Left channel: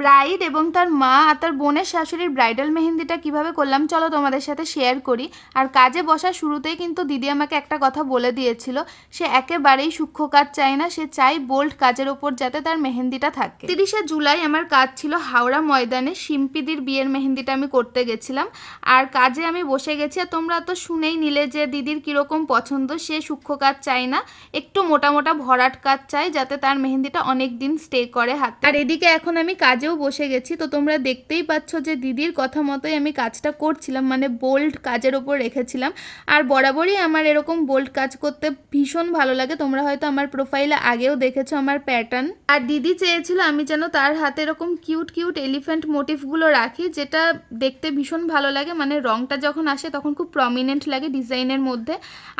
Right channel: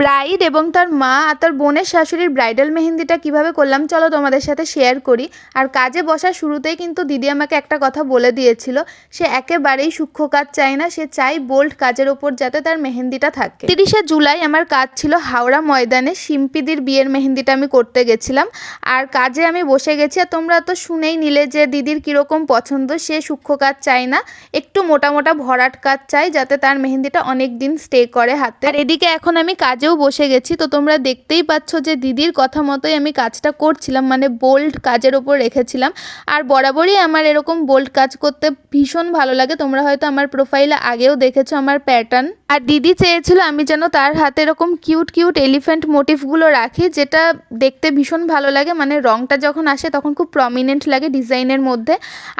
Bride এবং তার মা আর তার বোনের শাশুড়ির ব্রাইডাল মেহেন্দিটা কিভাবে করলাম চলো তোমাদের সাথে শেয়ার করি। আর কাজে বসার শুরুতেই কিন্তু দিদি আমাকে একটা কথা বলে দিয়েছিল, সে একেবারেই সূক্ষ্ম কাজ চায় না, সে চাই বোল্ড কাজের ওপর যাতে তার মেহেন্দিটা থাকে। 30শে জুলাই আমার কাজ ছিল হাওড়া ময়দানে, শিম্পিদির বিয়ের মেহেন্দিটা আমি করতে গেছিলাম। আর কাজে আমি বসে গেছি, আর তোমরা তো শুনেই নিলে যে দিদির কীরকম পছন্দ, সে সূক্ষ্ম কাজ চায় না, একটু মোটা মোটা ভরাট কাজ চাই যাতে তার মেহেন্দিটা অনেক দিন স্টে করে হাতে। আর এদিকে এখন আমি কাজেও বসে গেছি, তো তোমরা দেখতেই পাচ্ছ যে দিদির কথা মতোই আমি কাজটা করছিলাম, মানে বোল্ড কাজের ওপর রেখেছিলাম। আর বরাবরই আমার এরকম বোল্ড কাজ করতে ভীষণ ভালো লাগে, তোমরা হয়তো আমার প্রোফাইলে আগেও দেখেছো আমার প্যাটার্ন। আর দিদি চেয়েছিল আমি যেন তার হাতে এরকম কিউট কিউট এলিফ্যান্ট মোটিভগুলো রাখি, যেটা দেখতে ভীষণ ভালো লাগে, মানে রংটা যখন আসে তখন খুব প্রমিনেন্ট লাগে ডিজাইনের মধ্যে।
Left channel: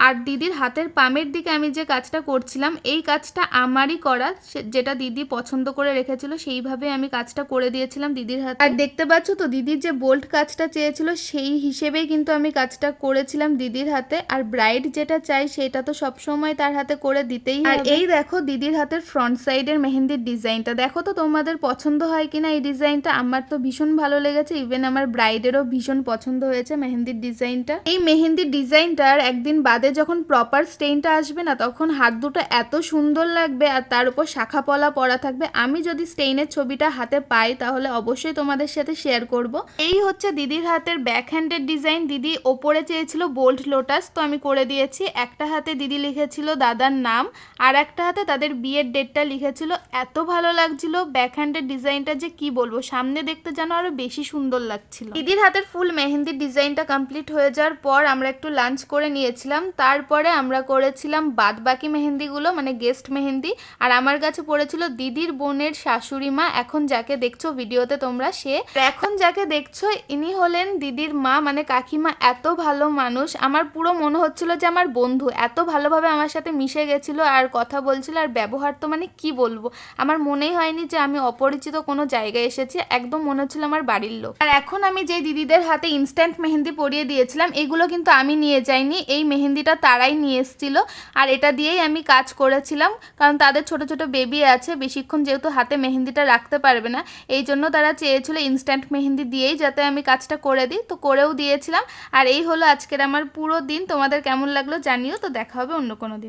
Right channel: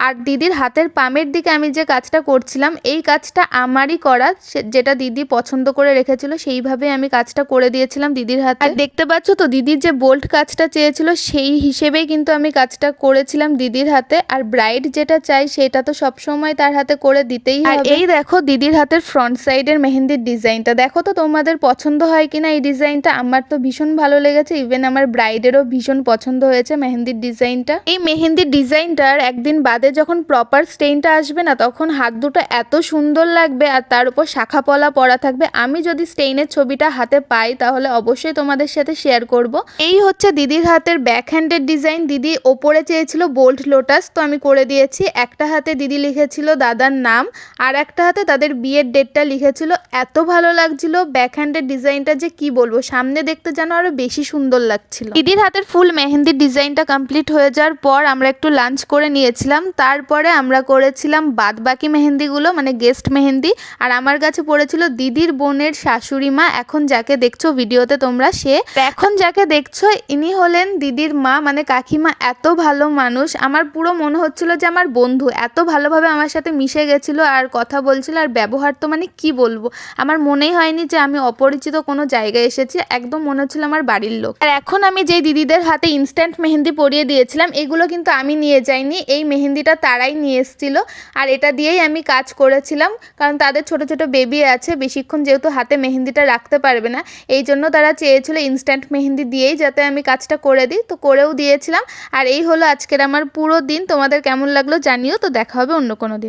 আর দিদির হাতের পামের দিকে আমি যে কাজটা করছিলাম, এই কাজটা আমারই করা, যেটা দিদি পছন্দ করে রেখেছিল সেইভাবে আমি কাজটা করে দিয়েছিলাম দিদির হাতে। আর দেখতে পাচ্ছ তো দিদির যে বোল্ড কাজটা চেয়েছিল সেই হিসেবেই কিন্তু আমি কাজটা করেছিলাম দিদির হাতে। আর ব্রাইড যেটা চাই সেটা তো সবসময় তার হাতে করে দিতেই হবে। আর এই দেখো দিদির হাতের ফ্রন্ট সাইডের মেহেন্দির ডিজাইনটা, দেখো তো তোমাদের পছন্দ হয় কিনা এই ডিজাইনটা। আমার তো ভীষণ ভালো লেগেছে, ইভেন আমার ব্রাইডেরও ভীষণ পছন্দ হয়েছে মেহেন্দির ডিজাইনটা। এই মেহেন্দির ডিজাইনটার একদিন বাদে যখন প্রপার স্টেইনটা আসবে না, তখন হাত দুটো এত সুন্দর লাগবে, আর তার উপর শাখা পলা পরা থাকবে। আমি যদি স্টেইনের ছবিটা হাতে পাই তাহলে অবশ্যই তোমাদের সাথে শেয়ার করব। এই হচ্ছে দিদির হাতের ব্যাক হ্যান্ডের ডিজাইন। দিদি ওপরে চেয়েছিল বোল্ড লোটাস, তো আমি করে দিয়েছি। একটা হাতে দিদি লিখেছিল দাদার নাম, আর একটা হাতে তাদের বিয়ের ডেটটা লিখেছিল। এত ভালো লাগছিল ব্যাক হ্যান্ডের ডিজাইনটা যে কি বলবো, সামনে দেখতে যেন আরো বেশি সুন্দর লাগছিল। দিদির হাতের ফুল মেহেন্দির ডিজাইনটা কমপ্লিট হয়ে যাওয়ার পর আমরা একটু লাঞ্চ করে নিয়েছিলাম, তারপরে আমরা করেছিলাম বাদ বাকি মেহেন্দিগুলো, মানে গেস্ট মেহেন্দি। আর আমার কাছে পড়েছিল দিদির বোনের শাশুড়ি মা, এখন যাকে দেখছো ভিডিওতে তোমরা, এখন যাকে দেখছো ইনি হলেন দিদির মা, মানে কাকিমা। এত ভালো মানুষ, আমার পুরো মনে হচ্ছিল যে আমার বন্ধু, এত ভালোভাবে আমার সাথে মিশে গেছিল আর কথা বলছিল। আর ব্যবহার তো মানে কি বলবো, আমার মনেই হয়নি যে আমি অপরিচিত কোনো জায়গায় এসেছি, একদম মনে হচ্ছিল আমার বাড়ির লোক। আর এখন আমি যেই দিদিদের হাতে ইনস্ট্যান্ট মেহেন্দি পরিয়ে দিয়েছিলাম, এগুলো কিন্তু আমি নিয়ে যাইনি, এই মেহেন্দিটা তারাই নিয়ে এসেছিল। আর এটা দিয়েই আমি কাজ করেছিলাম, কারণ তাদের ছোট ছোট বেবি আছে, বেশিক্ষণ যেহেতু হাতে মেহেন্দিটা রাখতে পারবে না, এই জন্য তারা চেয়েছিল ইনস্ট্যান্ট মেহেন্দি দিয়েই যাতে আমি কাজটা করে দিই, তো করেও দিয়েছিলাম। আর এই হলো আজকের আমার পুরো দিন। তোমাদের কেমন লাগলো জানিও, তো দেখা হবে অন্য কোনো দিন।